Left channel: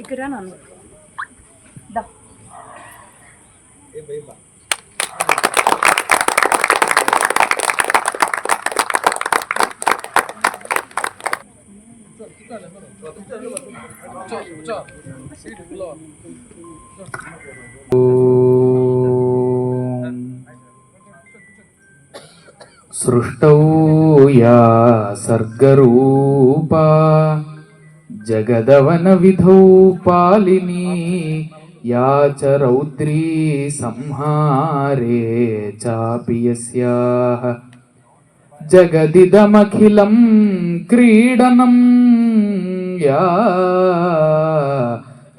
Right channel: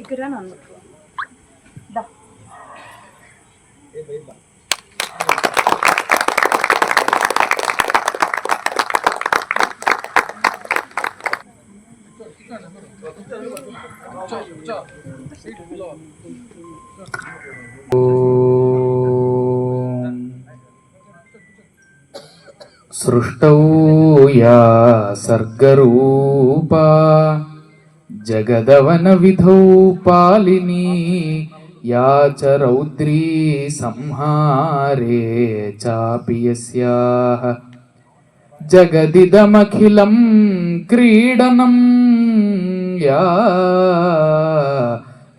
ఇక్కడ నన్ను దా सृष्टौ या सर्गरूपा जगदवनविधौ पालिनी या च रौद्री संहारे चापि यस्याः जगदिदमखिलं क्रीडनं या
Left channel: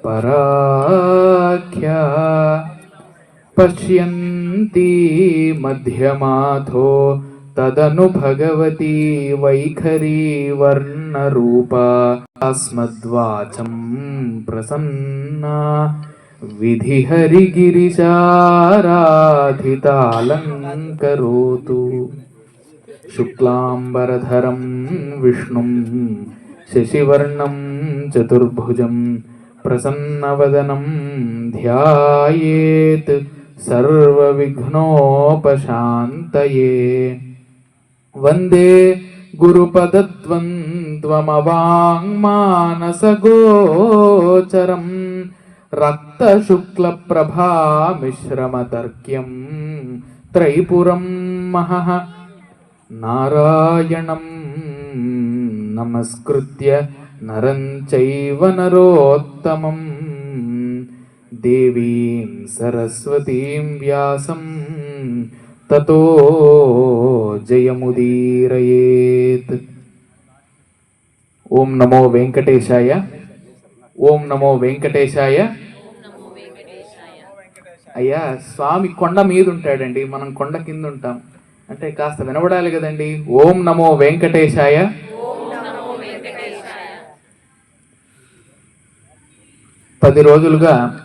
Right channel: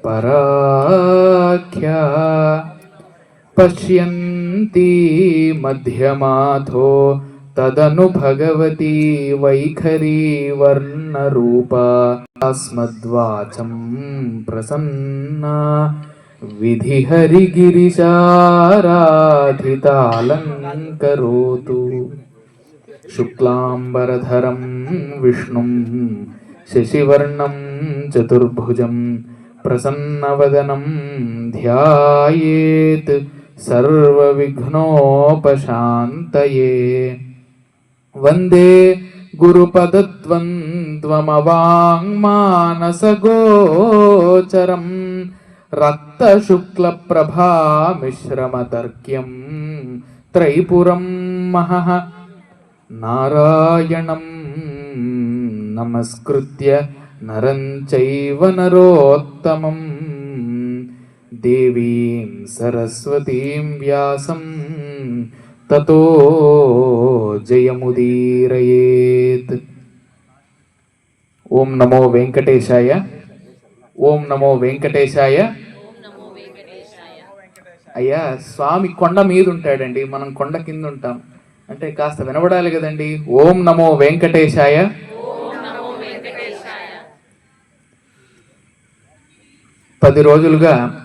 पराख्या पश्यन्ती मध्यमाथो तदनु भगवती वैखरी वर्णरूपा अस्मद्वाचं प्रसन्ना विधिहरिगिरिशाराधितालङ्करोतु शुक्लाम्बरधरं विष्णुं शशिवर्णं चतुर्भुजं प्रसन्नवदनं ध्यायेत् सर्वविघ्नोपशान्तये వందే గురుపదద్వంద్వమవాంగ్మానసగోచరం రక్తశుక్లప్రభామిశ్రమతర్క్యం త్రైపురం మహః నారాయణం నమస్కృత్య నరం చైవ నరోత్తమం దేవీం సరస్వతీం వ్యాసం తతో జయముదీరయేత్. ఓం నమో వెంకటేశాయ. ఓం నమో వెంకటేశాయ. అయ్యా స్వామి కొండ మీద ఉంటాడండి మనం కొండ కింద ఉంటాం అంటే కాస్త వినబడాలి కదండి. ఓం నమో వెంకటేశాయ. పది రోజులుగా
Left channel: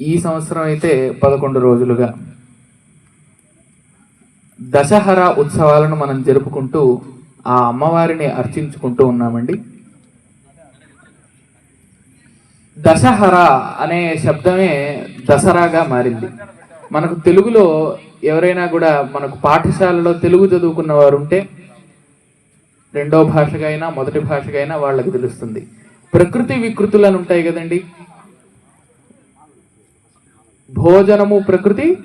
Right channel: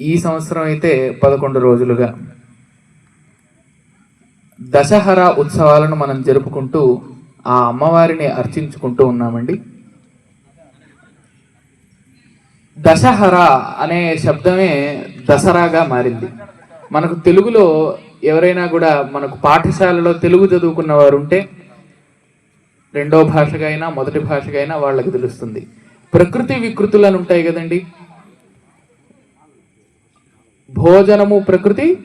ఈ సంవత్సరం అయితే పదకొండు రోజులుగా. దశహర ఉత్సవాలను మనం జరుపుకుంటూ ఆ అమ్మవారిని అర్చించుకుంటూ ఉన్నామండి. దశహర అనే శబ్దమే దసరాగా మారింది. మనకు తెలుగులో ఎవరైనా కూడా మనకు పాఠశాలలో తెలుగు చదువుకున్న వారు ఉంటే రెండో భాషగా అయినా మొదటి భాషగా అయినా వాళ్ళకి తెలుస్తుంది. ప్రకృతి వికృతులను ఉంటాయి కదండి. భోజనము ప్రకృతి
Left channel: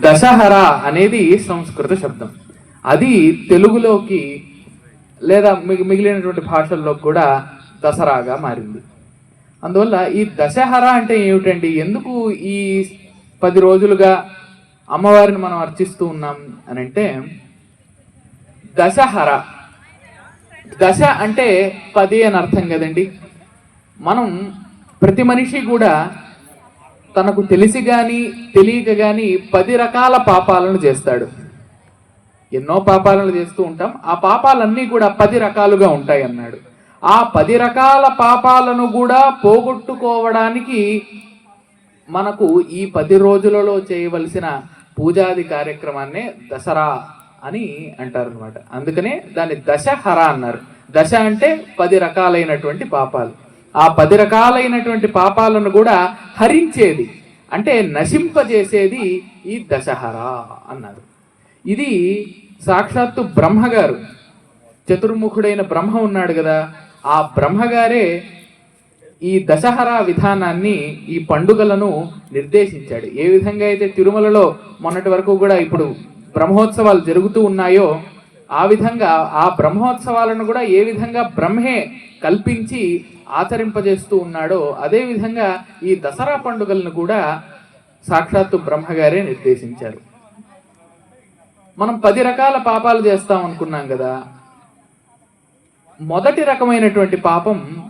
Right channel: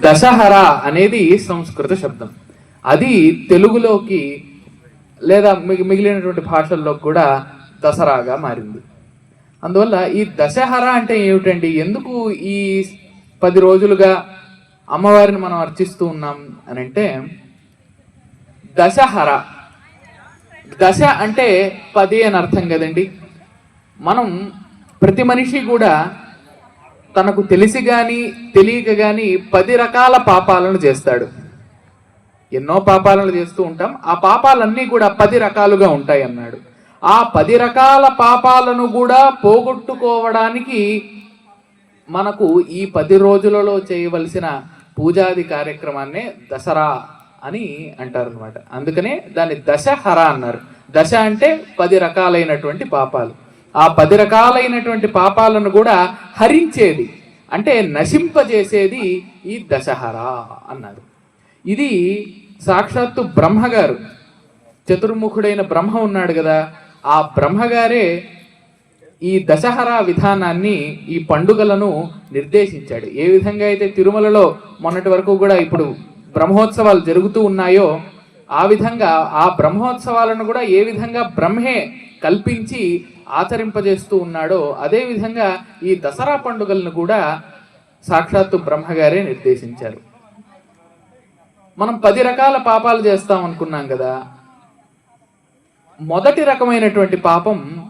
దశహర అనేది సంస్కృత శబ్దం. అది తెలుగులోకి లేదా మిగి- మిగిలినటువంటి భాషల్లో కూడా దసరాగా మారింది. అందువల్ల ఈ దశహర అంటే ఏమిటండి? ఎందుకు ఈ పది రోజులుగా అమ్మవారిని మనం అర్చిస్తూ ఉన్నాం అని అంటే దశహర దశ అంటే పది అని అర్థం కదండి? మనం ప్రతి మనిషి కూడా తనకు తెలిసి గాని తెలియక గాని పది రకాల పాపాలను చేస్తాడు. ఎన్నో పాపాలను చేస్తూ ఉంటాం. ఆ పాపాలన్నీ కూడా పది రకాలుగా ఉంటాయి అన్నాడు ఆ పది రకాల పాపాలను కూడా పోగొట్టుకోవడానికి మనకు ఈ పది రోజులలో చేయవలసిన పూజాది కార్యక్రమాన్నే దసరా అని అంటారు అనమాట అందుకనే దాన్ని దశహర అన్నారు. దశ అంటే పది రకాలైనటువంటి పాపాలు. ఆ పది రకాలైనటువంటి పాపాలను కూడా హరించేది. అంటే నశింపజేసేది ఈ దశహరా అన్నారు. ఇది సాక్షాత్తు బ్రహ్మగారు. చతుర్ముఖుడైన బ్రహ్మ ఉన్నాడు కదా ఆ బ్రహ్మగారే ఈ దశహరా విధానాన్ని ఈ పండుగలను నిర్దేశించాడు. ఏ విధంగా అయితే తిరుమలలో మొన్నటి వరకు కూడా ఇప్పుడు బ్రహ్మోత్సవాలు జరుగుతూ ఉన్నాయో ఆ విధంగా ఆ బ్రహ్మోత్సవాలను కూడా ఏ విధంగా బ్రహ్మే కల్పించి ఆచరింపజేస్తూ ఉన్నాడో అదే విధంగా ఈ దసరా పండుగలను కూడా సాక్షాత్తు బ్రహ్మగారే నిర్దేశించారు. మనం పది రకాల పాపాలు చేస్తాం అనుకున్నాం కదా. మొదటి రకమైనటువంటి పాపం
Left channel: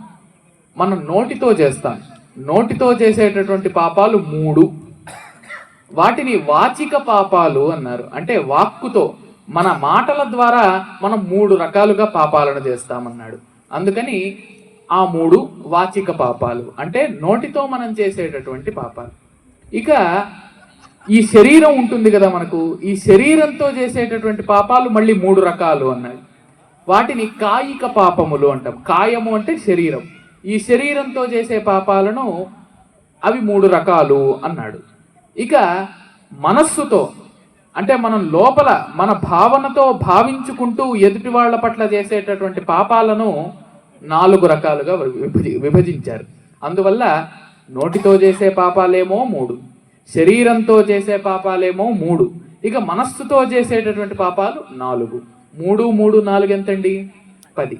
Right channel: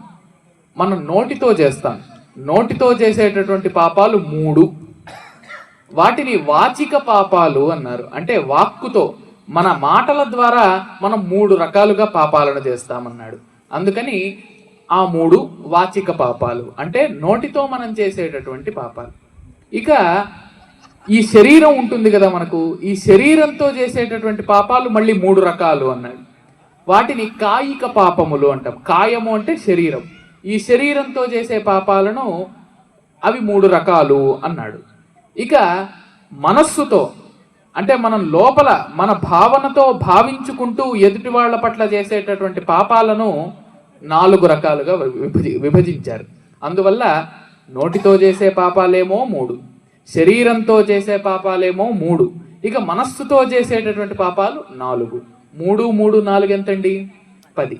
మనం నోటితో చేస్తాం. నోటితో చేసేటటువంటి పాపాలు మూడు. వాటిని వాచిక పాపాలు అన్నారు. అంటే వాక్కుతో మన మాటల ద్వారా మనం మూడు రకాలుగా పాపాలను చేస్తామన్నాడు. అందుకని ఆ మూడు వాచిక పాపాలు. అంటే నోటితో మనం చేసేటటువంటి పాపాలు. ఇక ఈ శరీరం ఉంటుంది కదా మనకు. ఈ శరీరంతో చేసేటటువంటి పాపాలు మళ్ళీ మూడు రకాలు అన్నాడు. వాటిని కాయిక పాపములు అంటాం. కాయము అంటే శరీరం. ఈ శరీరంతో చేసే పాపాలను అవి మూడు రకాలు అన్నాడు. ఇక మనస్సుతో అంటే మనం లోపల మన భావనతో భావించుకుంటూ ఎదుటి వాళ్ళ పట్ల చేసేటటువంటి పాపాలను నాలుగు రకాలుగా విభజి విభజించారు. అందువల్ల నోటితో చేసే పాపాలేమో మూడు శరీరంతో చేసే పాపాలేమో మూడు ఇక మనస్సుతో చేసేటటువంటి పాపాలు నాలుగు. మూడు మూడు నాలుగు ఎంతండి? పది.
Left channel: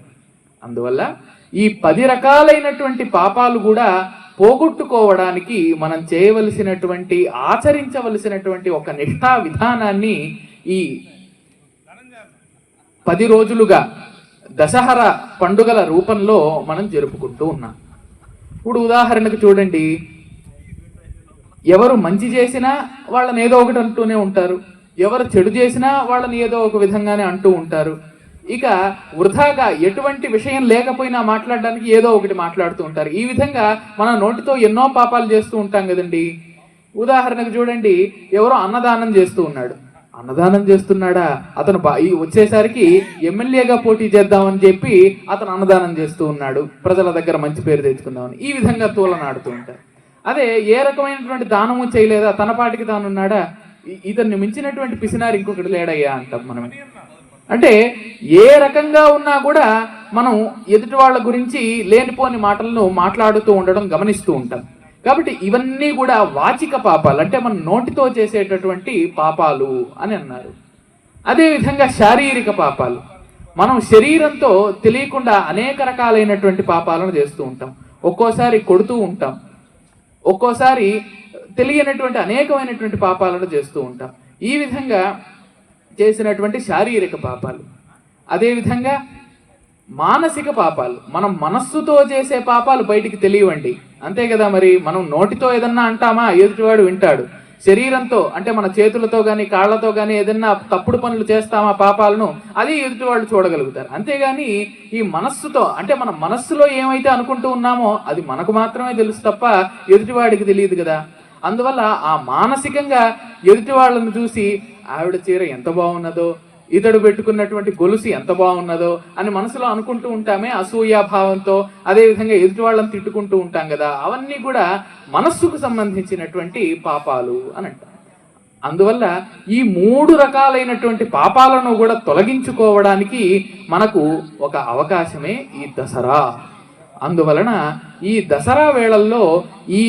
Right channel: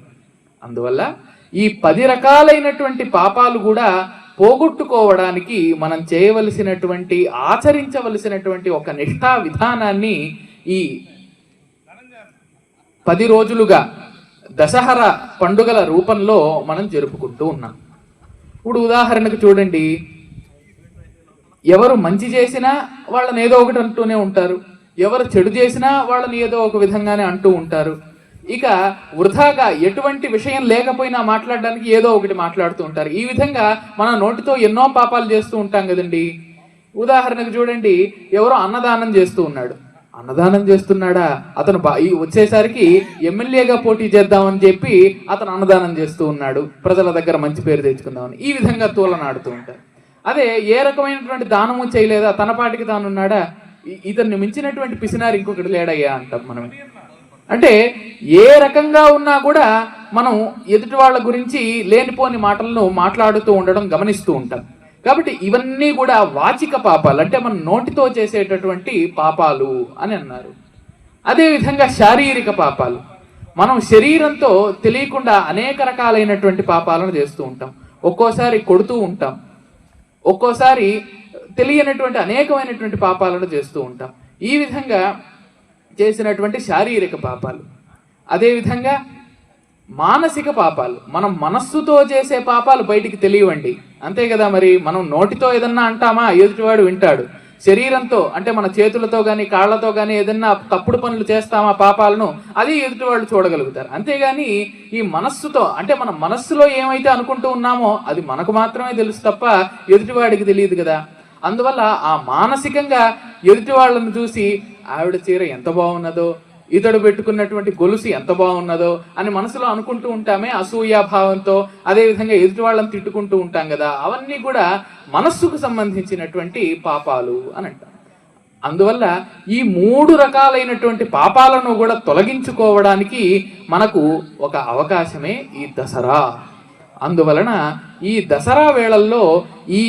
అందువల్ల ఈ పది రకాలైనటువంటి పాపాలు కూడా పోగొట్టుకోవడానికి మనం చేయవలసినటువంటి ఆచరించవలసినటువంటి ఒక నిష్ఠా విధానాన్ని ఈ పది రోజులుగా దశహర పండుగల రూపంలో మనం జరుపుకుంటూ ఉన్నాం. ఇప్పుడు ఉదాహరణకు చూడండి. ఎవరు మంచి చేసినా వాళ్ళని ఏదో ఒకటి అంటూనే ఉంటారు. ఎవరు చెడు చేసినా వాళ్ళని ఏదో ఒక విధంగానే అంటూ ఉంటారు. ఇక వృధాగా ఎటువంటి విషయం లేకపోయినా మాట్లాడడానికి ఏదో ఒకటి మాట్లాడుతూ ఉంటారు. ఈ విధంగా మన నోటితో ఎన్నో పాపాలు చేస్తూ ఉంటాం కదండి. ఉదాహరణకు చూడండి. ఎవరో అన్నదానం చేస్తూ ఉన్నాడు. అన్నదానం చేస్తున్నాడా? అతను వచ్చేసరికి ఎమ్మెల్యేగా పోటీ చేద్దామని చెప్పి అతను అన్నదానం చేస్తూ ఉన్నాడు. ప్రజల దగ్గర మంచి పేరు తెచ్చుకుందామని. ఈ విధంగా తోలనాడుతూ ఉంటారు అదే ఏ రకమైనటువంటి దానము చేయలేదా? తన పాటికి తాను ఉన్నాడా? ఇతన్ని మించినటువంటి పిసినారు ఇంకొకటి లేడయ్యా అంటాం మనం. అంటే ఏ రకంగా ఉన్నా కూడా మనం ఎదుటి వాళ్ళ గురించి లేనిపోని మాటలను మాట్లాడుతూ ఉండడం గమనిస్తూ ఉంటాం. కాబట్టి ఇవన్నీ కూడా వాచిక పాపాలు. అంటే మన నోటితో చేసేటటువంటి పాపాలు అని అన్నారు. అదేవిధంగా శారీరక పాపాలు. మనం శరీరంతో తెలియకుండా అనేక రకాలైనటువంటి పాపాలను చేస్తూ ఉంటాం. ఒక్కోసారి కొడుతూ ఉంటాం. ఒక్కోసారి తెలియనటువంటి అనేకమైనటువంటి పాపాలను చేస్తూ ఉంటాం. ఈ విధంగా చేసినటువంటి శారీరక పాపాలు. అదేవిధంగా మానసిక పాపాలు. మనం మనస్సుతో చేసే పాపాలు బయటికి తెలియవండి. అంతే కదా మరి? మనం నోటితో ఏదన్నా అంటామా? ఎదుటివాడు వింటాడు. శరీరంతో అంటే మన చేతులతో కానీ కాళ్ళతో కానీ ఏదన్నా తప్పుడు పనులు చేస్తామా పాపాలను అది ఎదుటివాళ్ళు చూడగలుగుతారు. అంతేగాని ఈ మనస్సుతో అంటే మన మనస్సులో ఏమైతే అనుకుంటూ ఉన్నామో అది మనకు మాత్రమే తెలుసు తప్ప ఎదుటివాడికి తెలియదు కదా? అందువల్ల ఆ మానసికంగా ఎదుటి వాళ్ళను చూసి ఆవిడ చీర ఎంత బాగున్నదో ఇతడు పెట్టుకున్నటువంటి గొలుసు ఎంత బాగున్నదో అని మనసులో అనుకుంటూ ఉంటామే అసూయ భావంతో ఎదుటి వాళ్ళని తిట్టుకుంటూ ఉంటాం కదా. అవన్నీ కూడా మనస్సుకు సంబంధించినటువంటి పాపాలు అని అంటాం అందువల్ల ఈ మూడు రకాలైనటువంటి పాపాలను కూడా తొలగించుకోవడానికి మనకు ఒక అవకాశమే ఈ దసరా. అందువలన ఈ దసరా వేళల్లో ఈ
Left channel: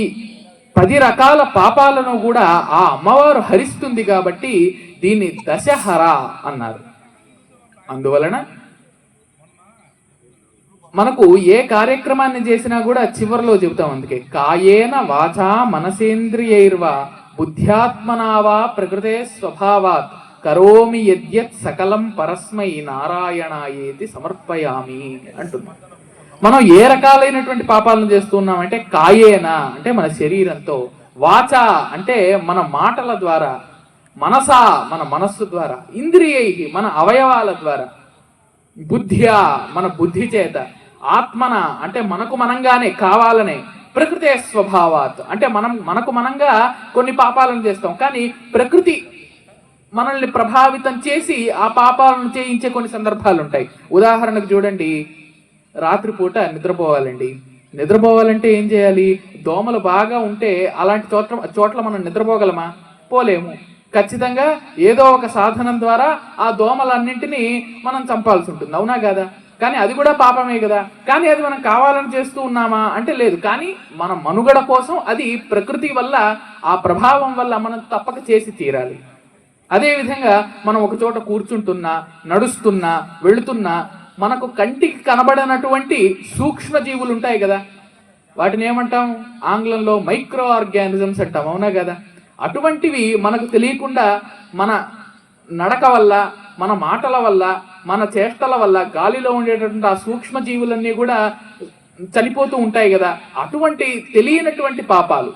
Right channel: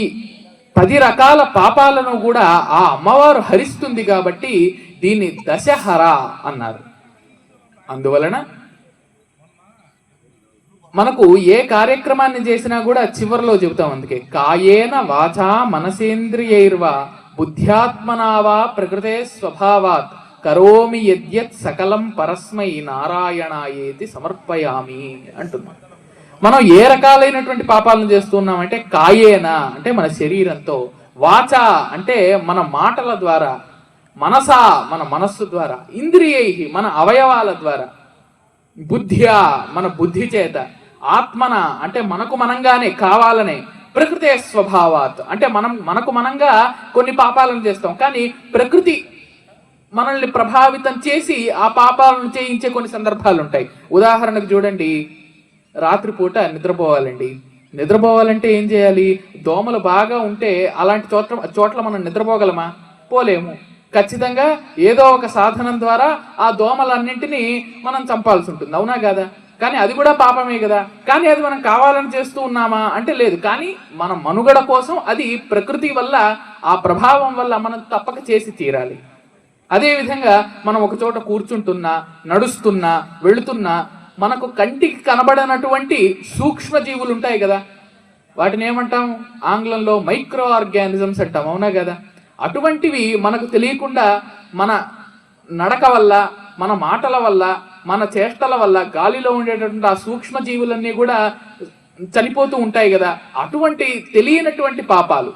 పది రకాల పాపాలను కూడా ఆ అమ్మవారు హరిస్తుంది కాబట్టి దీన్ని దశహర అన్నారు. అందువలన మనకు ఏ కార్యక్రమాన్ని చేసినా కూడా చివరిలో చెబుతాం అందుకే. కాయేన వాచా మనసేంద్రియైర్వా బుద్ధ్యాత్మనావా ప్రకృతే స్వభావాత్ కరోమి యద్యత్ సకలం పరస్మై నారాయణాయేతి సమర్పయామి అంటున్నాం. మనం ఏ రకాలైనటువంటి పాపాలను చేస్తున్నాం అంటే కాయేన అంటే మన శరీరంతో. వాచ అంటే మన మాటల ద్వారా మనసా మన మనస్సు ద్వారా ఇంద్రియై మన అవయవాల ద్వారా బుద్ధ్యా మన బుద్ధి చేత ఆత్మన అంటే మనకు మనంగానే కావాలనే ప్రకృతి స్వభావాత్ అంటే మనం మనకు మనంగా కొన్ని పాపాలను చేస్తాం కానీ ప్రకృతి మనల్ని ప్రభావితం చేసి ఆ పాపాలను చేయించే కొన్ని సందర్భాలు ఉంటాయి ఉదాహరణకు చూడండి రాత్రిపూట నిద్రపోవాలండి. నిద్రపోవాలంటే ఏం చేయాలి? దోమలు బాగా ఉంటే అలాంటి చోట్ల చోట్ల మనం నిద్రపోగలమా? పోలేము. ఖచ్చితంగా ఏదో ఒక సాధనం ద్వారా ఆ దోమలన్నింటినీ మనం చంపాల్సి ఉంటుంది. అవునా కదా? కానీ అది కూడా పాపమే కదా. కానీ అది మనం కావాలని చేస్తూ ఉన్నామా? అంటే లేదు. కానీ మన మనుగడ కోసం అది ప్రకృతి వల్ల ఆ ప్రభావం వల్ల మనం తప్పక చేసి తీరాలి. అదేవిధంగా మనం ఒక చోట కూర్చుంటున్నా నడుస్తున్నా వెళుతున్నా మనకు కంటికి కనబడనటువంటి సూక్ష్మ జీవులు ఉంటాయి కదా. వాటిని ఏమంటాం? ఆంగ్లంలో మైక్రో ఆర్గానిజమ్స్ అంటాం. అవునా కదా? అటువంటివి మనకు తెలియకుండా మన నడక వల్ల మన మాటల వల్ల మన చేష్టల వల్ల గాలిలో ఉండేటటువంటి ఆ సూక్ష్మ జీవులన్నీ కూడా చనిపోతూ ఉంటాయి కదా. అటువంటి తెలియనటువంటి పాపాలు.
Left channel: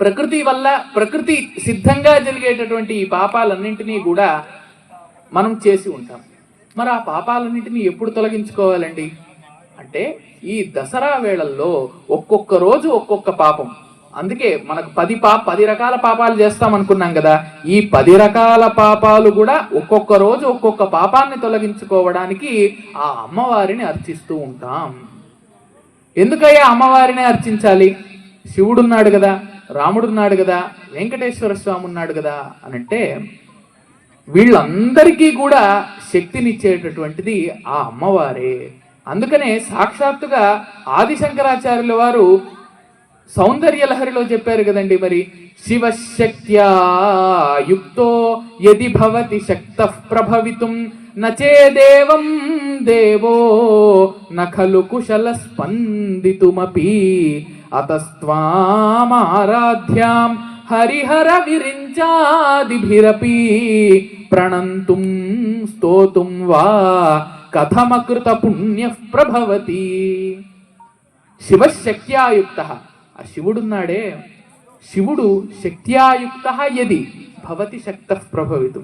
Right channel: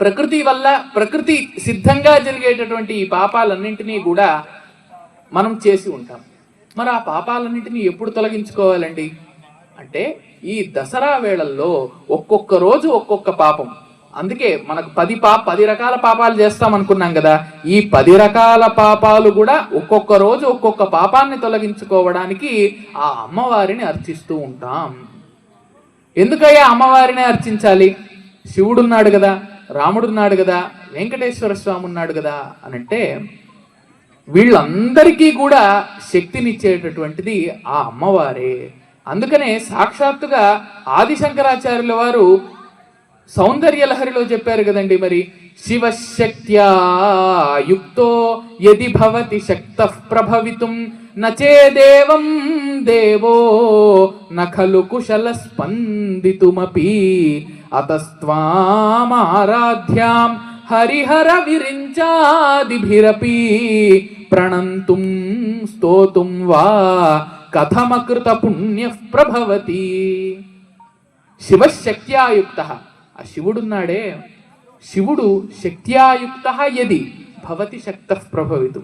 ప్రకృతి వల్ల ప్రకృతి సిద్ధంగా జరిగేటటువంటి ఈ పాపాలన్నింటినీ కూడా మనం చేసి ఉంటాం. మరి ఆ పాపాలన్నింటినీ ఎప్పుడు తొలగించుకోవాలండి? అంటే ఈ దసరా వేళల్లో ఒక్కొక్క రోజు ఒక్కొక్క పాపం. అందుకే మనకు పది పా పది రకాల పాపాలు చేస్తాం అనుకున్నాం కదా ఈ పది రకాల పాపాలు కూడా ఒక్కొక్క రోజు ఒక్కొక్క పాపాన్ని తొలగించుకోవడానికి ఆ అమ్మవారిని అర్చిస్తూ ఉంటాం. ఎందుకయ్యా అమ్మవారిని అర్చించాలి? శివుడున్నాడు కదా రాముడున్నాడు కదా వెంకటేశ్వర స్వామి ఉన్నాడు కదా అని అంటే వీళ్ళందరికీ కూడా శక్తినిచ్చేటటువంటిది ఆ అమ్మవారే. అందుకనే సాక్షాత్తుగా ఆది శంకరాచార్యుల వారు సౌందర్య లహరిలో చెప్పారు కదండి మరి. శివశక్త్యా యుక్తో యది భవతి శక్త ప్రభవితుం నచేదేవం దేవో నఖలు కుశల స్పందితుమపి అతస్వామారాధ్యాం హరిహర విరించాదిభిరపి ప్రణంతుం స్తోతుం వా కథమకృత పుణ్య ప్రభవతి శివశక్త్యాయుక్త ఆ శివుడున్నాడే. శివుడు శక్త్యాయుక్త యది భవతి శక్త ప్రభవితు.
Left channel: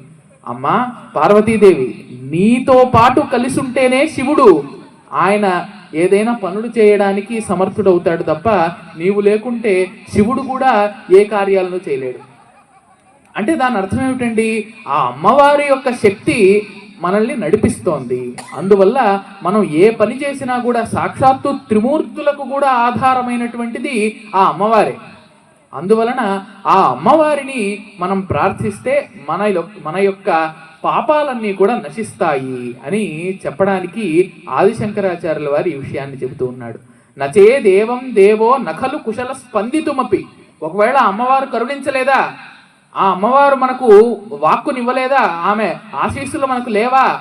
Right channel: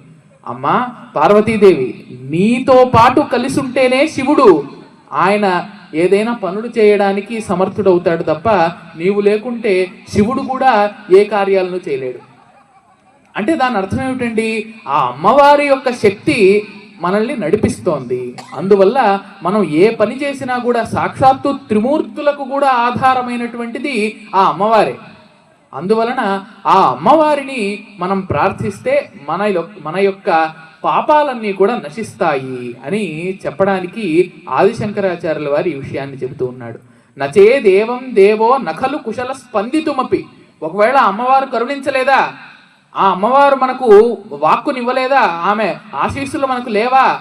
అమ్మా పార్వతీదేవి నీతో పాటు కలిసి ఉంటేనే శివుడు. ఆయన ఏదైనా పనులు చేయడానికి సమర్థుడవుతాడు తప్ప నీవు లేకుంటే శివుడు కూడా ఏ కార్యాలను చేయలేడు. అంటే దాని అర్థం ఏమిటండి? ఆ అమ్మవారి యొక్క శక్తి మనల్ని నడిపిస్తోంది. అందువల్ల మనం ఏ పని చేసినా కూడా సాక్షాత్తు త్రిమూర్తులకు కూడా ఆధారమైనటువంటిది ఆ అమ్మవారే. అందువలన ఆ అమ్మవారిని మనం ప్రార్థిస్తే మన మన యొక్క పాపాలన్నీ కూడా నశిస్తాయి అని చెప్పడానికి ఆదిశంకరాచార్యుల వారి ఈ విషయాన్ని చెబుతూ ఉన్నాడు. నచే దేవం దేవో నఖలు కుశల స్పందితుమపి. ఒకవేళ అమ్మవారు కరుణించలేదా? ఆ అమ్మవారు మనకు వాక్కునివ్వలేదా? ఆమె ఆశీస్సులు మనకు లేవా?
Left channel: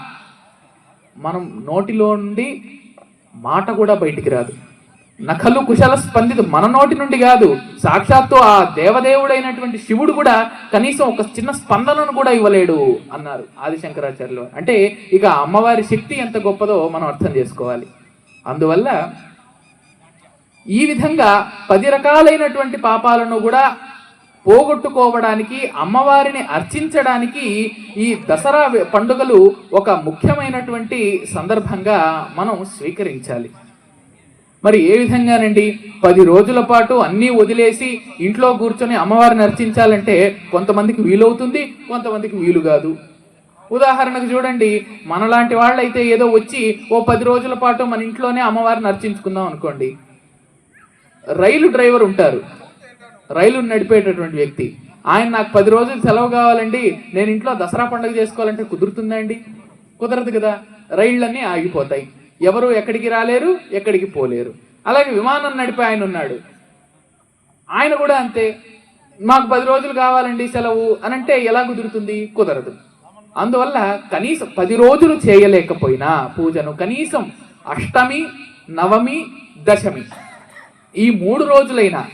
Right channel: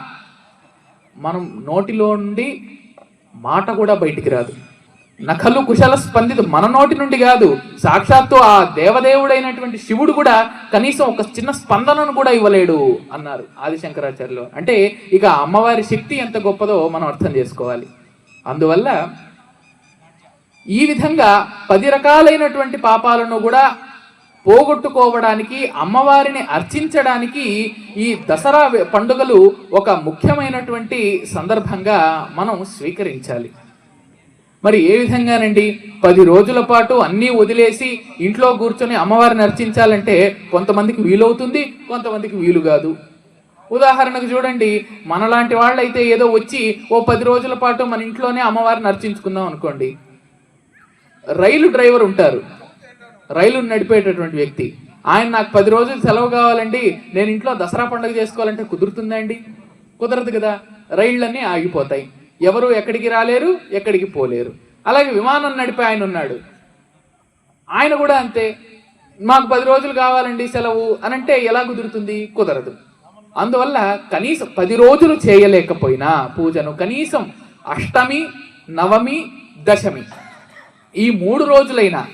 మనం నోటిలో నుండి మాట కూడా బయటికి రాదు. నఖలు కుశల స్పందిత మన నోటి నుండి కాదు. సాక్షాత్తు ఆ దేవదేవుడైనటువంటి శివుడు కూడా కనీసం ఒక చిన్న స్పందనను కూడా ఇవ్వలేడు అన్నారు ఆదిశంకరాచార్యులు. అంటే ఇక అమ్మవారి శక్తి ఎంత గొప్పదో మనం అర్థం చేసుకోవాలి. అందువల్ల ఈ విధంగా పది రకాలైనటువంటి పాపాలను కూడా పోగొట్టుకోవడానికి అమ్మవారిని అర్చించడానికి ఈ దసరా పండుగలు ఒక ముఖ్యమైనటువంటి సందర్భంగా మనం స్వీకరించాలి. మరి ఏ విధంగానండి? పది రోజుల పాటు అన్నీ వదిలేసి ఇంట్లో కూర్చొని అమ్మవారిని అర్చించాలంటే కొంతమందికి వీలవుతుంది కొంతమందికి వీలు కాదు. ఉదాహరణకు చూడండి మనలాంటి వాళ్ళైతే ఏదో వచ్చి ఓ పది రోజుల పాటు మన ఇంట్లోనే అమ్మవారిని అర్చించుకుందాం అనుకోండి. రైలు డ్రైవర్ ఉంటారు. రైలు నడిపేటటువంటి వ్యక్తి. ఆయన నాకు పది రోజులు సెలవు కావాలండి. నేను ఇంట్లో దసరా పండుగ చేసుకోవాలంటే కుదురుతుందా అండి కుదరదు కదా. రైళ్ళన్నీ ఆగిపోతాయి. ఎవరు ఎక్కడికి రాలేరు ఎక్కడికి పోలేరు. అలాగే విమానం నడిపే ఆయన ఉన్నాడు. ఆయన కూడా అంతే. మాకు పది రోజులు కావాలండి సెలవు అని అంటే ఎలా కుదురుతుంది? కుదరదు. అందువల్ల కనీసం పది రోజులు చేయలేకపోయినా పూజను కనీసం అష్టమి నవమి దశమి ఈ మూడు రోజులైనా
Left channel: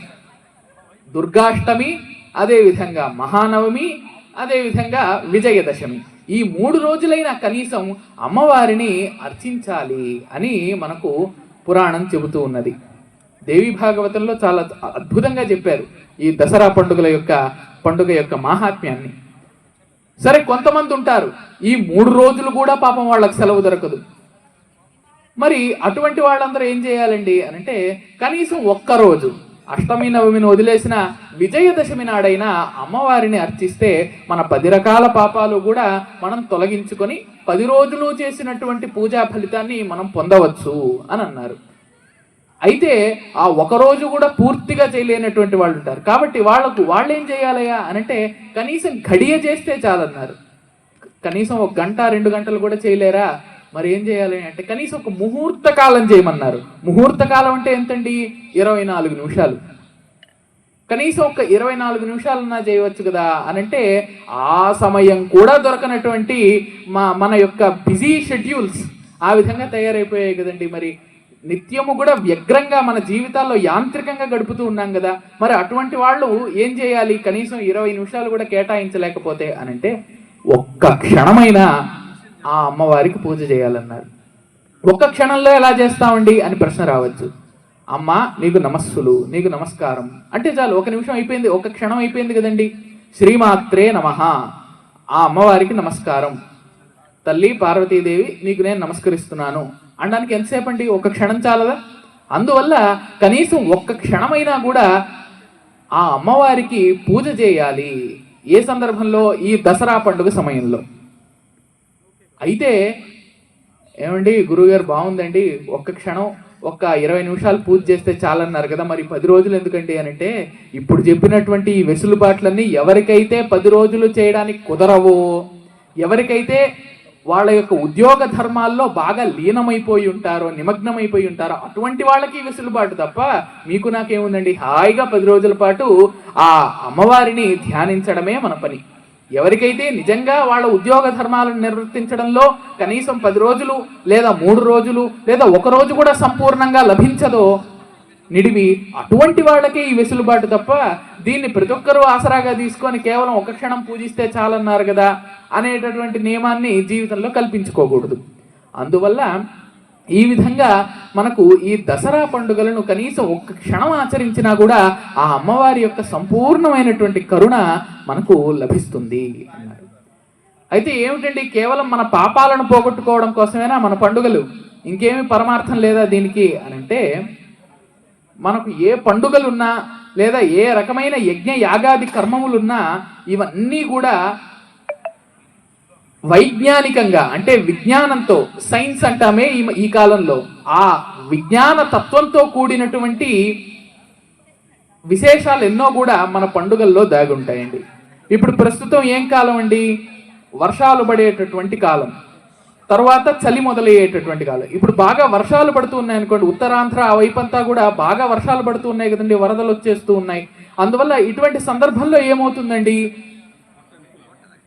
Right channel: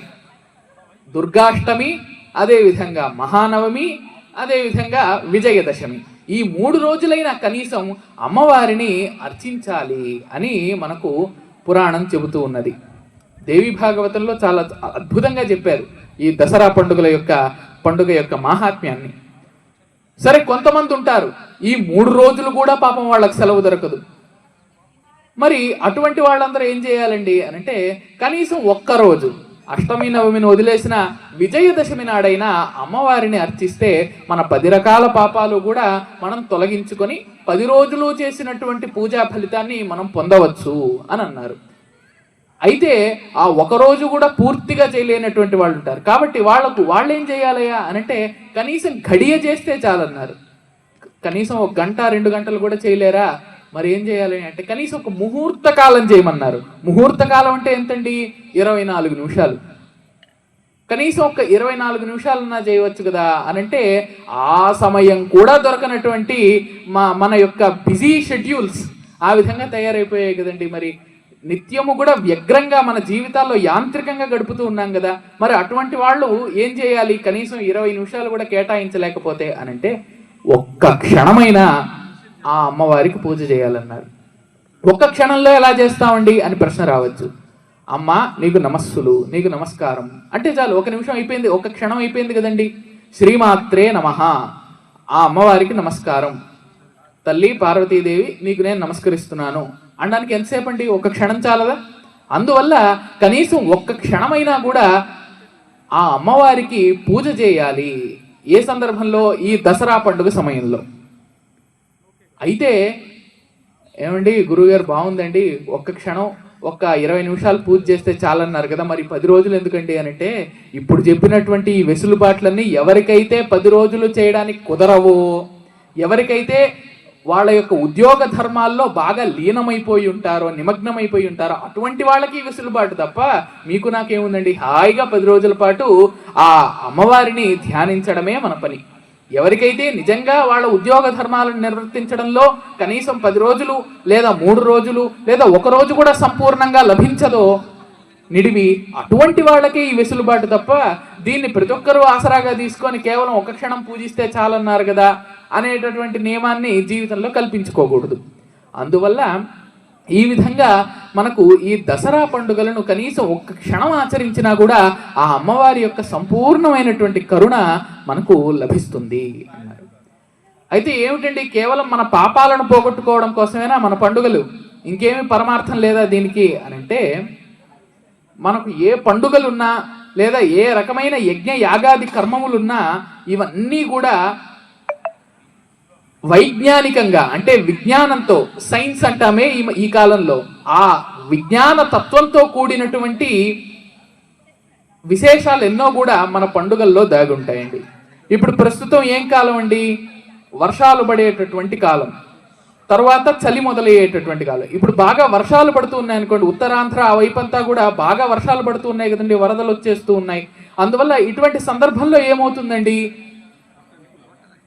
దుర్గాష్టమి అదేవిధంగా మహానవమి అదేవిధంగా విజయదశమి. ఈ మూడు రోజులైన కనీసం అమ్మవారిని అర్చించాలి అని మనకు పురాణం చెబుతూ ఉన్నది. దేవి భాగవతంలో చాలా అద్భుతంగా చెప్పారు ఈ దసరా పండుగల యొక్క పండుగ యొక్క మాహాత్మ్యాన్ని. సరే కొంతమంది ఉంటారు. ఈ మూడు రోజులు కూడా పాపం వాళ్ళకి సెలవు దొరకదు. మరి అటువంటి వాళ్ళందరూ ఏం చేయాలండి? అంటే కనీసం ఒక్క రోజు అష్టమి నవమిని వదిలేసిన విజయదశమి నాడైనా అమ్మవారిని అర్చిస్తే మన పది రకాల పాపాలు కూడా మనం తొలగించుకొని పది రోజులు చేసినటువంటి పూజా ఫలితాన్ని మనం పొందవచ్చు అని అన్నారు. అయితే ఆ ఒక రోజు కూడా పూర్తిగా చేయలేనటువంటి వాళ్ళు ఉంటారు. కాబట్టి వాళ్ళకు వాళ్ళు ఏం చేయాలయ్యా అనంటే కనీసం గడియ చేస్తే చాలన్నారు. కనీసం ఒక గంట రెండు గంటలు కూడా చేయలేరా? మరి ఏం చేయాలి అంటే కనీసం ఒక ముహూర్త కాలం చేయమన్నారు. ముహూర్త కాలం అంటే ఎంతండి? ఇరవై నాలుగు నిమిషాలు. కనీసం ఒక ఇరవై నాలుగు నిమిషాలన్నా చేయవచ్చు కదా అని అంటే ఆ సమయం కూడా దొరకనటువంటి మా మన యొక్క బిజీ షెడ్యూల్స్ ఆ విధంగా తయారైపోయాయి కదండి మరి. నిత్యము కూడా వ్యగ్రంగా మన జీవితాల్లో యాంత్రికంగా గడుపుతూ ఉన్నాం కదా. మరి అటువంటి వాళ్ళు ఏం చేయాలి? కనీసం ఇరవై నిమిషాలు కూడా కేటాయించలేకపోతే అనంటే ఒక్క క్షణమైనా ఆ అమ్మవారికి పూజ చేయాలన్నారు. ఒక్క క్షణంలో ఎలా చేస్తామండి అని ప్రశ్న రావచ్చు. అమ్మ నీకు నమస్సులు నీకు నమస్కారం. అంటే చాలు ఒక నిమిషం అయిపోయింది ఒక క్షణం అయిపోయింది కదండి. శ్రీమాత్రే నమ. ఆ అమ్మవారికి నమస్కారం. తల్లి పార్వతీదేవి నీకు నేను నమస్కరిస్తున్నాను. అనడానికి ఎంతసేపు అండి? ఒక క్షణం చాలదా? అందువల్ల కనీసం ఒక్క క్షణమైనా కూడా ఆ అమ్మవారికి పూజ చేయాలి. ఏ సందర్భంలో? ఈ దసరా పండుగ సమయంలో. అయితే ఏమండి గురువుగారు బాగుందండి. ఒక్క క్షణం ఒక్క ఇరవై నిమిషాలు పూజ చేస్తే చాలన్నారు కదా మరి పది రోజులు ఎందుకండి అని అంటే ఇప్పుడు చెప్పినటువంటి ఈ వెసులుబాట్లన్నీ ఎవరికైతే పది రోజులు చేయడానికి కుదరవో ఎవరికైతే వాళ్ళ యొక్క ఉద్యోగ ధర్మాల్లో బాగా లీనమైపోయి ఉంటారో నిమగ్నమైపోయి ఉంటారో అటువంటి వాళ్ళకి ఈ వెసులుబాటు తప్ప మీకు నాకేముందండి? హాయిగా పది రోజుల పాటు ఆ అమ్మవారిని ధ్యానించడమే మన పని. ఎవరికైతే నిజంగా వాళ్ళ ఉద్యోగ ధర్మాలను నిర్వర్తించడంలో కనీసం పది రోజులు లేదా మూడు రోజులు లేదా ఒక రోజు కూడా సంపూర్ణంగా లభించదో నిడివి అటువంటి వాళ్ళకే ఈ వెసులుబాటు తప్ప దీన్ని ప్రతి ఒక్కరూ ఆసరాగా తీసుకొని కేవలం ఒక క్షణం పూజిస్తే చాలన్నారు కదా అనేటటువంటి నియమాన్ని జీవితంలో కల్పించుకోకూడదు. అందువల్ల ఈ విధంగా మనకు ఈ దసరా పండుగలను కనీసం ఒక్క క్షణం ఆచరించినా కూడా ఆ అమ్మవారి యొక్క సంపూర్ణమైనటువంటి కరుణ మనకు లభిస్తుంది అన్నారు. అయితే ఏమిటండి? కేవలం మన పాపాలను పోగొట్టుకోవడం కోసమేనా మన పండుగలు? ఇంకేమి పరమార్థం లేదా దీనికి? అని అంటే మనకు ఏ పండుగలున్నా లేదా ఏ రకమైన యజ్ఞ యాగాది కర్మములున్నా ఇవన్నీ కూడా వైజ్ఞానికంగా అంటే విజ్ఞానంతో సైన్స్ అంటామే ఈ ఈ కాలంలో. ఆ విజ్ఞాన తత్వంతో కూడినటువంటి విశేషాలు ఎన్నో కూడా మన పండుగల్లో దాగి ఉంటాయండి ఇప్పుడు ప్రస్తుతం ఏం కాలం అండి? వర్షాలు పడేటటువంటి కాలం. తర్వాత చలి మొదలయ్యేటటువంటి కాలం. ఇప్పుడు బాగా వర్షాలు పడుతూ ఉన్నాయి అనుకోండి ఉత్తరాంధ్ర ఆ వైపంతా కూడా బాగా వర్షాలు పడుతూ ఉన్నాయి కదండి వరదలు వచ్చేస్తూ ఉన్నాయి. అందువల్ల ఇటువంటి సందర్భంలో ఏమవుతుందండి?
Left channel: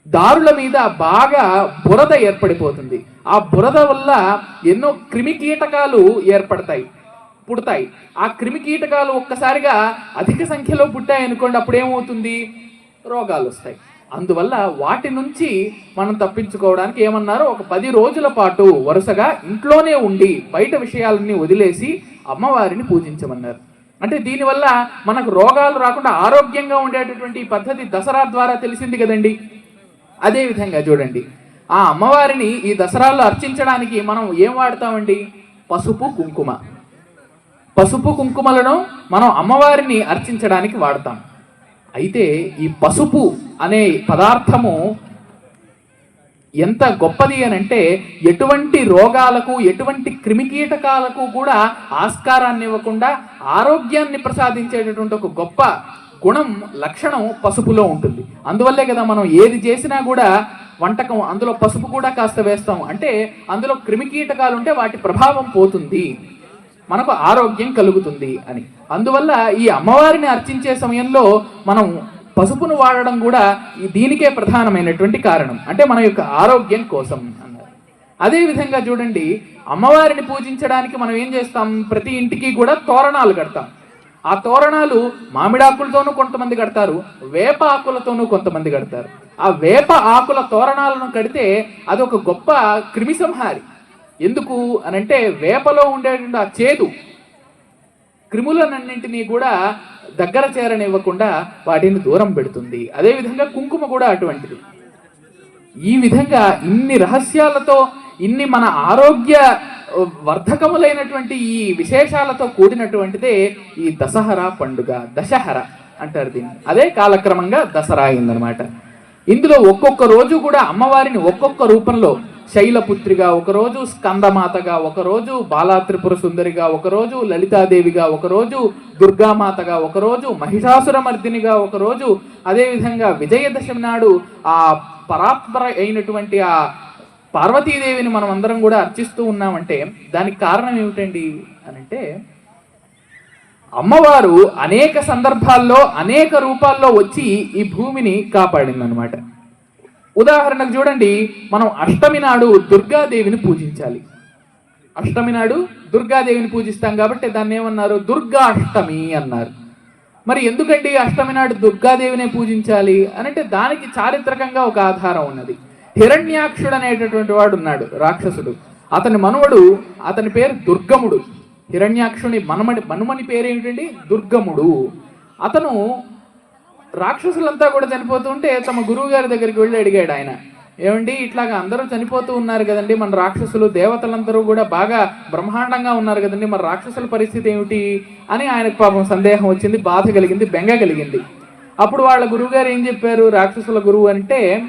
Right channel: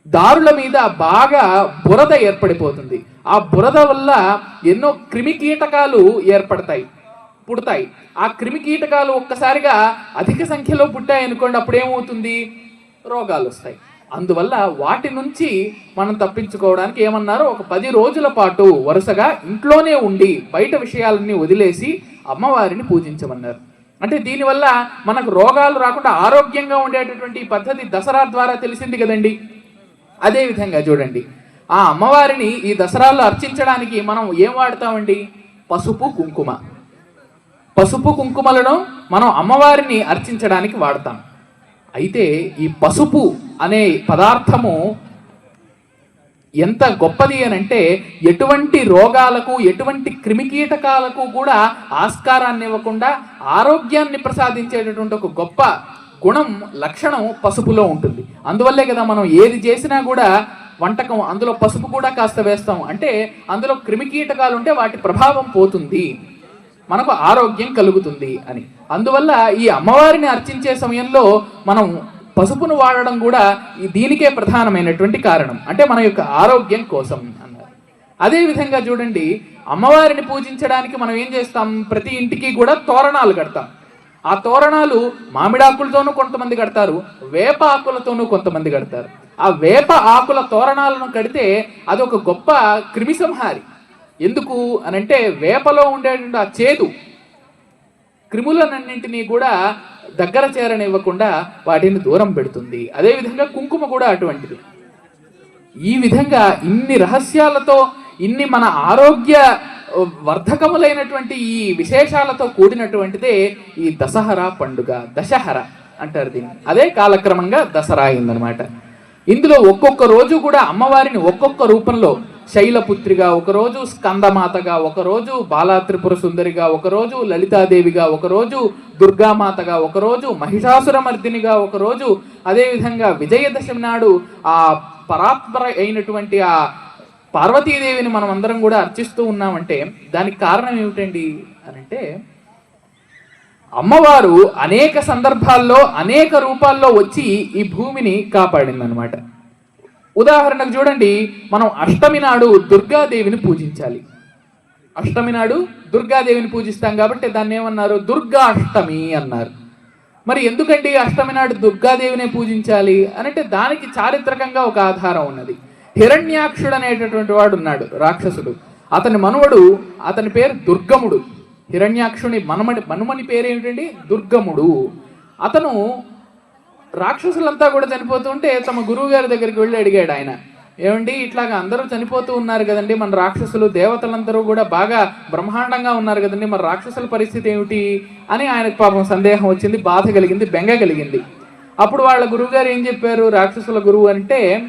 దారుల మీద బాగా బురద ఏర్పడిపోతుంది. ఆ బురద వల్ల ఎన్నో క్రిమి కీటకాలు ఏర్పడతాయి పుడతాయి. ఆ క్రిమి కీటకాలు ఒక్కసారిగా అధిక సంఖ్యలో పుట్టాయి అనుకోండి అప్పుడు ఏమవుతుంది రోగాలు వస్తాయి. అందువల్ల వాటి నుంచి మనం తప్పించుకోవడానికి ఏమన్నారు ఒక పది రోజుల పాటు వరుసగా ఇంట్లోనే ఉండి బయట విషయాలన్నీ వదిలేసి అమ్మవారిని పూజించమన్నారు. అంటే దీనివల్ల మనకు రోగాలు రాకుండా ఆరోగ్యంగా ఉండేటటువంటి పద్ధతి దసరా ద్వారా తెలిసింది కదండి. అదేవిధంగా చూడండి. ఆ అమ్మవారిని ఈ దసరాలో అర్చించడానికి మనం ఏం వాడతామండి? పసుపు కుంకుమ. పసుపు కుంకుమలను మనం అమ్మవారిని అర్చించడానికి వాడతాం. అయితే ఈ పసుపు అనే పదార్థము ఎంత గొప్పది అని అంటే ఎటువంటి రోగాలకు ఎటువంటి క్రిమికీటకాలకు కూడా ఆస్కారాన్ని ఇవ్వకుండా ఆరోగ్యాన్ని ప్రసాదించేటటువంటి ఒక గొప్ప గుణం లక్షణం పసుపులో ఉంటుంది. అందువల్లే కదా మనం ఏది చేసినా కూడా వంటకం అందులో పసుపు కూడా కాస్త వేస్తాం. అంటే అందులో క్రిమికీటకాలు ఉంటే వాటి ప్రభావం పోతుంది. మనకు ఆరోగ్యం కలుగుతుంది అని. అందువల్ల ఈ అమ్మవారిని అర్చించే సమయంలో మనం పసుపును వాడడం కూడా ఈ దీనికే ప్రధానమైనటువంటి కారణం. అంటే మన యొక్క ఆరోగ్యం కోసం అదే విధంగా చూడండి అమ్మవారిని పూజించడానికి మనం ఏం చేస్తాం? ప్రతి ఇంటికి కూడా తోరణాలు కడతాం. ఆ తోరణాలు మామిడాకులతోనూ కొంతమంది కడతారు వేప ఆకులతోనూ కొంతమంది కడతారు. ఆ వేప ఆకుల తోరణాలను కడితే అది ఒక గొప్ప క్రిమి సంహారి ఎందుకు అనంటే వేపలో ఉండేటువంటి ఆ చేదు క్రిములనన్నింటినీ కూడా దగ్గర చేరనివ్వకుండా వాటిని దూరం పెడుతుంది. అదేవిధంగా కుంకుమ కూడా అటువంటిది. ఈ విధంగా ఇన్ని రహస్యాలతో ఇన్ని మన ఆరోగ్య వర్ధకములైనటువంటి ఈ విశేషాలతో కూడినటువంటిదే ఈ దసహరా పండుగ దశహర అంటారు దీన్ని. అదే కాలక్రమంగా దసరా అయిందనమాట ఇందులో ఒక్కొక్క రోజు కూడా అమ్మవారిని ఒక్కొక్క రూపంలో శైలపుత్రిగా ఒకరోజు స్కందమాతగా ఒకరోజు బాలాత్రిపుర సుందరిగా ఒకరోజు లలితాదేవిగా ఒకరోజు దుర్గామాతగా ఒకరోజు మహిషాసురమర్దినిగా ఒకరోజు అదేవిధంగా విజయదశమి నాడు ఆ పరాత్పర అయినటువంటి ఆ పార్వతీదేవిని మనం అందరం కూడా అర్చిస్తూ ఉన్నామంటే దానికి కారణం ఏమిటండి అని అంటే అమ్మవారు అనేక సందర్భాల్లో అనేక రూపాల్లో వచ్చి ఈ భూమిని కాపాడింది అనమాట ఉదాహరణకు చూడండి మనం అష్టమి నాడు దుర్గాదేవిని పూజించాలి. అష్టమి నాడు దుర్గాదేవిని పూజిస్తాం కాబట్టి దాన్ని ఏమన్నారు? దుర్గా అష్టమి అన్నారు. మరి ఎందుకండి అష్టమి నాడు దుర్గాదేవినే పూజించాలి? అని అంటే దానికి చారిత్రకంగా ఒక ఆధారం ఉన్నది. హిరణ్యాక్షుడు అనేటటువంటి వాడు ఉన్నాడు రాక్షసుడు. అతని మనవడు అతని పేరు దుర్గముడు. హిరణ్యాక్షుని మనమని మనుమని పేరేమిటండి? దుర్గముడు. అతను రాక్షసులంతా కూడా చనిపోతుంటే తమ గురువు గారి దగ్గరికి వెళ్ళి అడిగాడు ఆయన. ఏమండి ఇట్లాగా అందరూ చనిపోతూ ఉన్నారు కదండి మన రాక్షసులు దేవతలందరూ కూడా బాగా బ్రహ్మాండంగా ఉన్నారు కదండి మన రాక్షసుల పరిస్థితి ఏమిటి? అని ఆయనకు పాపం సందేహం వచ్చింది బాధ కలిగింది బెంగ కలిగింది. అప్పుడు వాళ్ళ గురువుగారు ఏం చెప్పారు? రాక్షసుల గురువు అంటే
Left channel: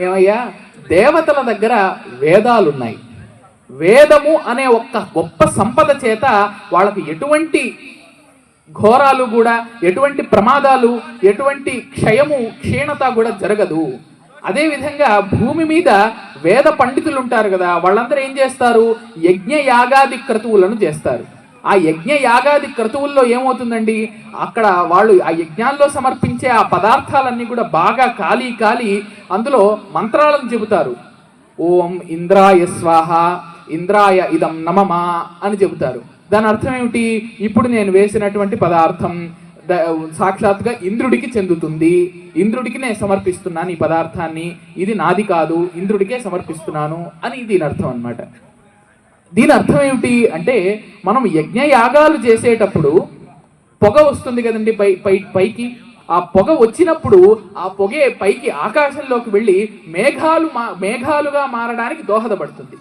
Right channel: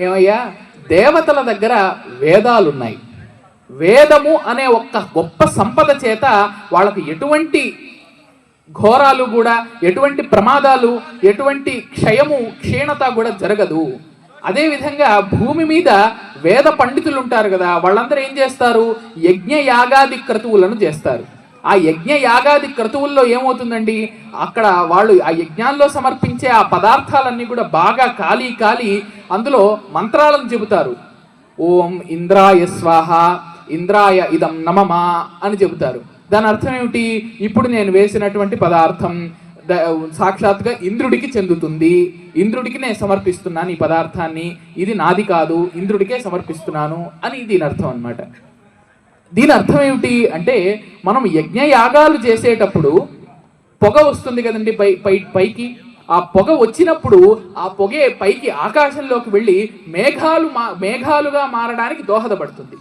ఏమయ్యా? దేవతల దగ్గర వేదాలున్నాయి. వేదము అనే ఒక్క గొప్ప సంపద చేత వాళ్ళకి ఎటువంటి ఘోరాలు కూడా ఎటువంటి ప్రమాదాలు ఎటువంటి క్షయము క్షీణత కూడా జరగదు. అదే విధంగా భూమి మీద వేద పండితులు ఉంటారు కదా వాళ్ళందరూ ఏం చేస్తారు? యజ్ఞ యాగాది క్రతువులను చేస్తారు. ఆ యజ్ఞ యాగాది క్రతువుల్లో ఏమవుతుందండి? అక్కడ వాళ్ళు ఆ యజ్ఞాల్లో సమర్పించే ఆ పదార్థాలన్నీ కూడా బాగా కాలి కాలి అందులో మంత్రాలను చెబుతారు. ఓం ఇంద్రాయ స్వాహ ఇంద్రాయ ఇదం నమమా అని చెబుతారు. దాని అర్థం ఏమిటి? ఇప్పుడు నేను వేసినటువంటి పదార్థం సాక్షాత్గా ఇంద్రుడికి చెందుతుంది. ఇంద్రుడికి నేను సమర్పిస్తున్నాను ఈ పదార్థాన్ని. ఇది నాది కాదు ఇంద్రుడికే సమర్పిస్తున్నాను అని దీని అర్థం అన్నమాట. దీని అర్థం ఏమిటి అంటే మనం యజ్ఞ యాగాలు చేసేటప్పుడు పొగ వస్తుంది కదండి పై పై పైకి. ఆ పొగ వచ్చినప్పుడు ఆ పొగే పైకి ఆకాశంలోకి వెళ్ళి మేఘాలు మా మేఘాలుగా మారడానికి దోహదపడుతుంది.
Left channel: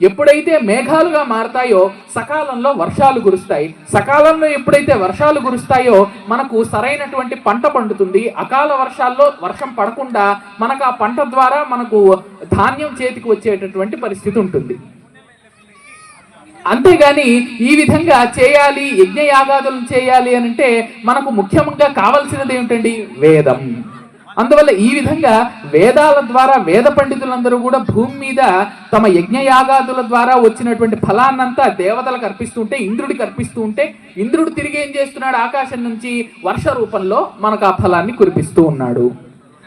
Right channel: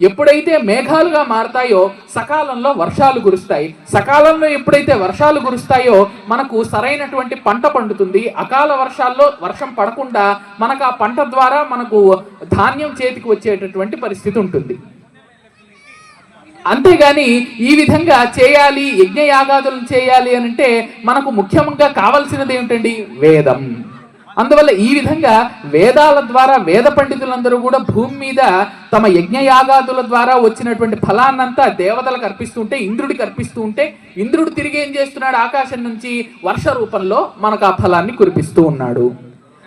ఎప్పుడైతే మేఘాలుగా మారతాయో సకాలంలో వర్షాలు కురుస్తాయి. సకాలంలో ఎప్పుడైతే వర్షాలు కురుస్తాయో మనకు సరైనటువంటి పంట పండుతుంది. అకాల వర్షాల్లో వర్షం పడకుండా మనకు ఆ పంట ద్వారా మనకు ధాన్యం చేతికి వచ్చేటటువంటి పరిస్థితి ఉంటుంది. అంతేగాని ఈ విధంగా చేయాలి యజ్ఞ యాగాదులను చేయాలి అని అంటే మనకు ముఖ్యంగా కావాల్సినది ఏమిటండి? వేదం. అందువల్ల ఈ విధంగా వేదాల ద్వారా వేద పండితులందరూ కూడా భూమి మీద తమ యజ్ఞ యాగాదుల ద్వారా వచ్చినటువంటి ఫలాన్నంతా దేవతలకు అర్పిస్తుంటే ఇంద్రుడికి అర్పిస్తూ ఉంటే ఇంద్రుడు తిరిగి ఏం చేస్తున్నాడు? ఆకాశం నుంచి వర్ష రూపంలో మనకు ఆ ఫలాన్ని కురిపిస్తూ ఉన్నాడు.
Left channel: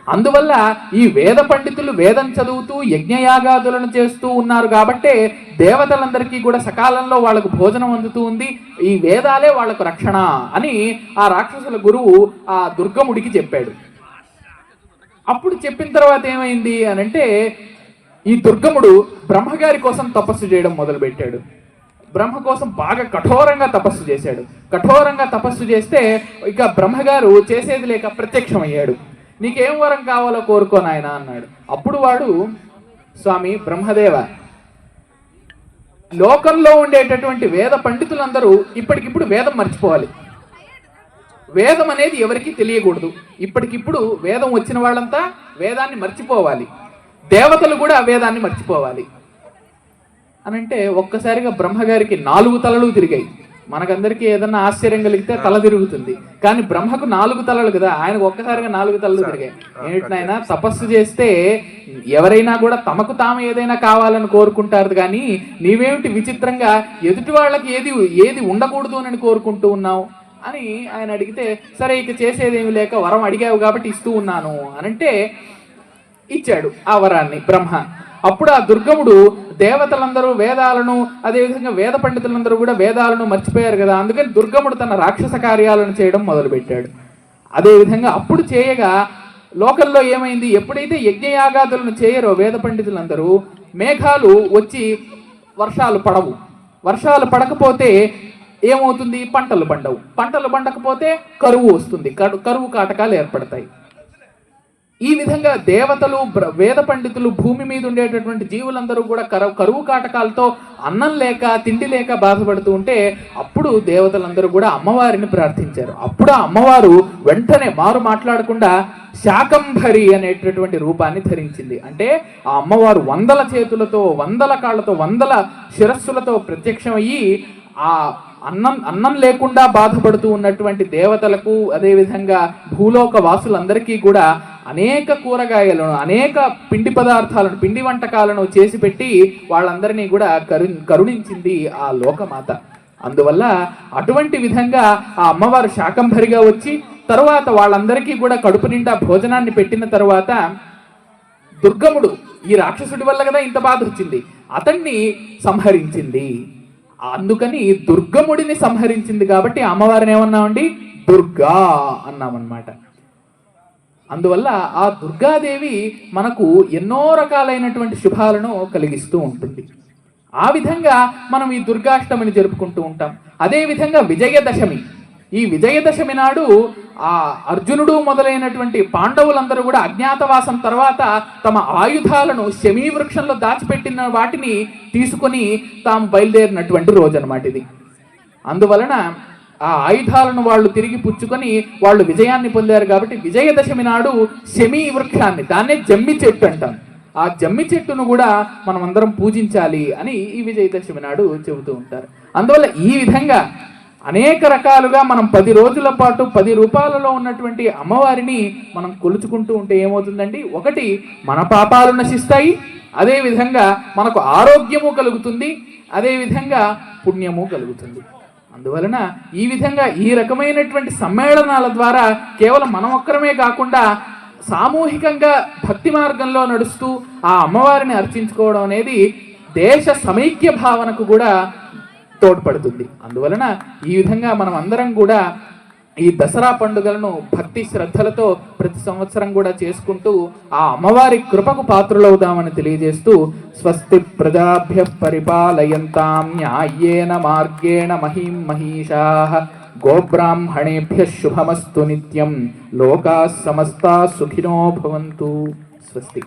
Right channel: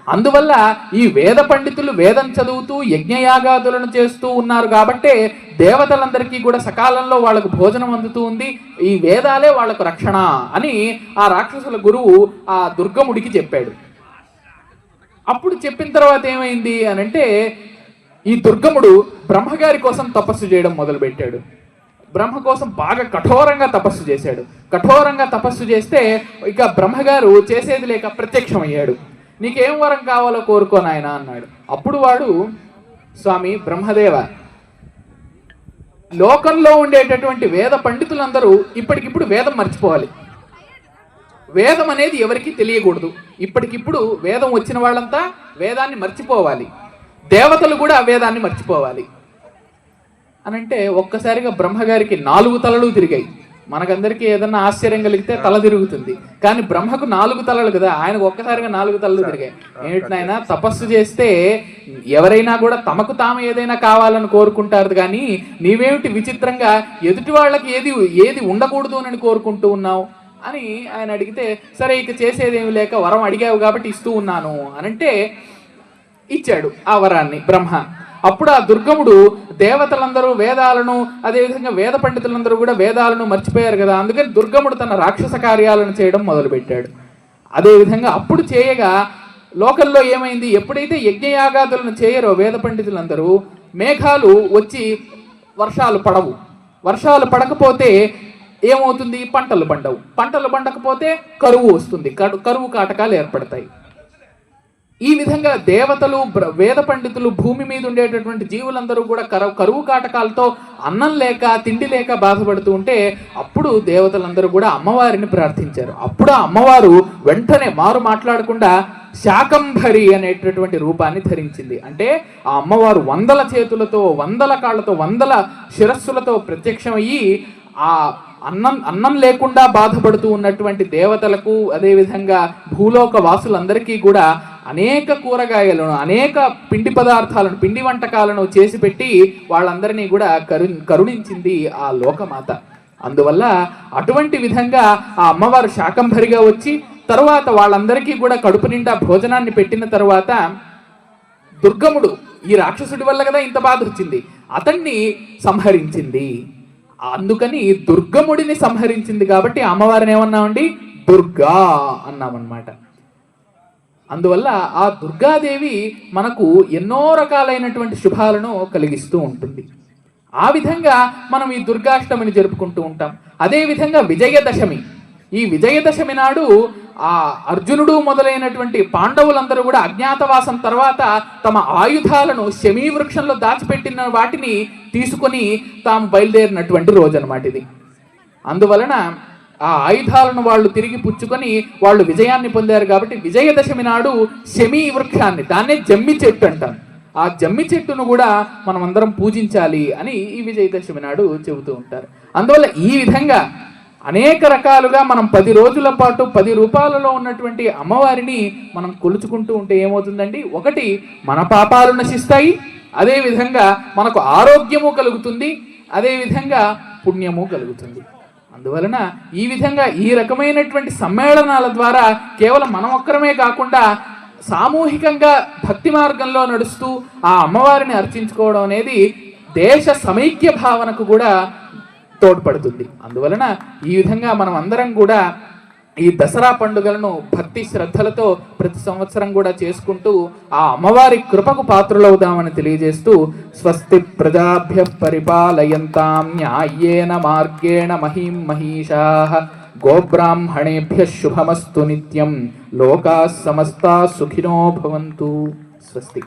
అందువల్ల ఈ వేద పండితులు వేదం చదువుతూ యజ్ఞయాగాదులను చేస్తూ ఉన్నారు కాబట్టే దేవతలందరికీ కూడా సకాలంలో వాళ్ళకు భోజనం అందుతూ ఉంది. ఈ వేదాలే వాళ్ళకు రక్షణ అని ఆ రాక్షసుల గురువు ఆ దుర్గముడికి చెప్పాడు. అప్పుడు చెప్పిన తర్వాత ఏమైంది అని అంటే ఈ దుర్గముడు బ్రహ్మగారి కోసం తపస్సు చేయడం మొదలుపెట్టాడు. బ్రహ్మ కోసం బాగా కఠోరంగా తపస్సు చేశాడు. కఠోరంగా తపస్సు చేస్తే ఇక బ్రహ్మగారు చేసేది లేక ప్రత్యక్షమయ్యాడు. నీకేం వరం కావాలో కోరుకో నాయన అన్నాడు. అప్పుడు వాడు స్వామి బ్రహ్మదేవ లోకంలో ఉండేటటువంటి వేద పండితులందరూ ఇప్పటికిప్పుడు వేదం మర్చిపోవాలి. వేదం అనేది ఎవరికి తెలియకూడదు. ఇప్పటికిప్పుడు వేదం వచ్చిన వాళ్ళంతా వేదాన్ని మర్చిపోవాలి. దేవతలు కూడా వేదాన్ని మర్చిపోవాలి. అనంటే ఒక్కసారిగా బ్రహ్మగారికి నాలుగు తలలు తిరిగాయి. మనకందరికీ ఏదన్నా ఆశ్చర్యం కలిగితే తల తిరుగుతుంది. కానీ బ్రహ్మకు నాలుగు తలలు కదా ఆయనకు ఒక్కసారిగా నాలుగు తలలు తిరిగాయి. ఏమిటినైనా తపస్సు చేస్తే ఎవరైనా కూడా తమకు తాము ఏదైనా కావాలని కోరుకుంటారు కానీ నీవేమిటి విచిత్రంగా ఎదుటి వాళ్ళకి ఏది ఏది ఉండకూడదు అని కోరుకుంటూ ఉన్నావు? అని ఆయన అడిగితే సరే ఇక చేసేదేమి లేక వరం అడిగావు కాబట్టి ఇస్తూ ఉన్నాను అని అంటే ఇచ్చాడు ఆ వరాన్ని బ్రహ్మ. అప్పుడు ఆ దుర్గముడు దేవతలందరూ వేదాలను అదేవిధంగా వేద పండితులందరూ కూడా వేదాలను మర్చిపోయారు కదా. అందుకని దుర్గముడు తన రాక్షస కార్యాలను చేయడం మొదలుపెట్టాడు. అదేవిధంగా అప్పుడు చేయగా లోకల్లో ఏమైంది? ఎప్పుడైతే యజ్ఞయాగాదులను చేయరో వేద పండితులందరూ మేఘాలు వచ్చి వర్షాలు పడవు. వర్షాలు పడకపోతే ఏమవుతుంది? పంటలు పండవు. పంటలు పండకపోతే కరువు వస్తుంది. కరువు కాటకాలు ఏర్పడతాయి. ఈ విధంగా దేవతలు వేద పండితులు భూమి మీద ఉండేటటువంటి జీవులందరూ కూడా కరువు కరువు కాటకాలతో అన్నం లేక తిండి లేక బాధపడుతూ ఉంటే అప్పుడు దేవతలందరూ కూడా అమ్మవారిని ప్రార్థించారు. అప్పుడు అమ్మవారు వెంటనే మారు మాట్లాడకుండా శాకంధరి అనేటటువంటి రూపాన్ని ధరించింది. అంటే ఆ అమ్మవారు వందల చేతులతో వందల కాళ్ళతో వందల శిరస్సులతో ప్రత్యక్షమయ్యి ఆ అన్నం అన్నం లేకుండా బాధపడుతూ ఉన్నటువంటి దేవతలకు అదేవిధంగా భూలోక వాసులందరికీ కూడా అనేక కూరగాయలను అనేక పిండి పదార్థాలను పిండి వంటకాలను చేసి పెట్టి వాళ్ళందరినీ కూడా కరు కరుణించింది ఆ లోకమాత. అందువల్ల అటువంటి విధంగా ఆ అమ్మవారు శాకంభరిగా వచ్చి తరువాత వాళ్ళందరికీ కూడా కడుపు నిండా భోజనాన్ని పెట్టిన తర్వాత దుర్గముడు ఈ రాక్షసుడి వల్ల కదా ఇంత బాధ వచ్చింది. అతన్ని సంహరించింది. అందుకని దుర్గముడిని సంహరించింది కాబట్టి అమ్మవారిని ఏమన్నామండి? దుర్గా అన్నామన్నమాట. అందువల్ల ఆ దుర్గాదేవి మనకు ఎన్నో రకాలైనటువంటి శుభాలను కలిగిస్తూ ఉంటుంది. ఆ విధంగా మనం ఈ దుర్గాష్టమిని జరుపుకుంటూ ఉంటాం. అదే విధంగా విజయదశమి. ఈ విజయదశమి నాడు ఆ అర్జునుడు మొదలైనటువంటి పాండవులందరూ కూడా అజ్ఞాతవాసం తర్వాత తమ ఆయుధాలను శమీ వృక్షంలో దాచిపెట్టిన వాటిని తీసుకొని తాము బయలుదేరినటువంటి రోజు అనమాట ఇది. అందువలన ఆ ఆయుధాలను వాళ్ళు తిరిగి పుచ్చుకొని వాళ్ళు విజయాన్ని పొందారు కాబట్టి విజయదశమి నాడు శమీ వృక్షాన్ని దాన్నే జమ్మి చెట్టు అంటారు. ఆ జమ్మి చెట్టును కూడా మనం అందరం పూజించాలి అని ఈ విజయదశమి నాడు చెబుతూ ఉంటారు. అందువల్ల ఈ విధంగా అనేక రకాలుగా మనం పది రోజుల పాటు పది రూపాయలలో ఉన్నటువంటి అమ్మవారిని మనం కొలుచుకుంటూ ఉంటే ఏమవుతుందండి? ఒకటి మన పాపాలు నశిస్తాయి. అదేవిధంగా మనకు ఆరోగ్యము కలుగుతుంది. అదేవిధంగా పుణ్యము కలుగుతుంది. అందువలన ఈ విధంగా ఈ రకమైనటువంటి సమ్మేళనాల ద్వారా కేవలం మనం ఒక్కరమే కాకుండా సామూహికంగా భక్తి మార్గంలో నడుస్తూ ఆ అమ్మవారిని అర్చించుకోవడం అనేది దేశ సమైక్య భావనకు కూడా తోడ్పడుతుంది. అందువలన ఈ విధంగా మనం అందరం కూడా ఈ దసరా పండుగలను భక్తి శ్రద్ధలతో ప్రతి సంవత్సరం కూడా చేసుకుంటూ ఆ అమ్మవారి కృపకు పాత్రలవుదామని తెలియజేస్తూ స్వస్తి ప్రజాభ్య పరిపాలయంతాం న్యాయేన మార్గేణ మహిం మహిషా గోబ్రాహ్మణేభ్య శుభమస్తు నిత్యం. లోకా సమస్తా సుఖినో భవంతు. స్వస్తి.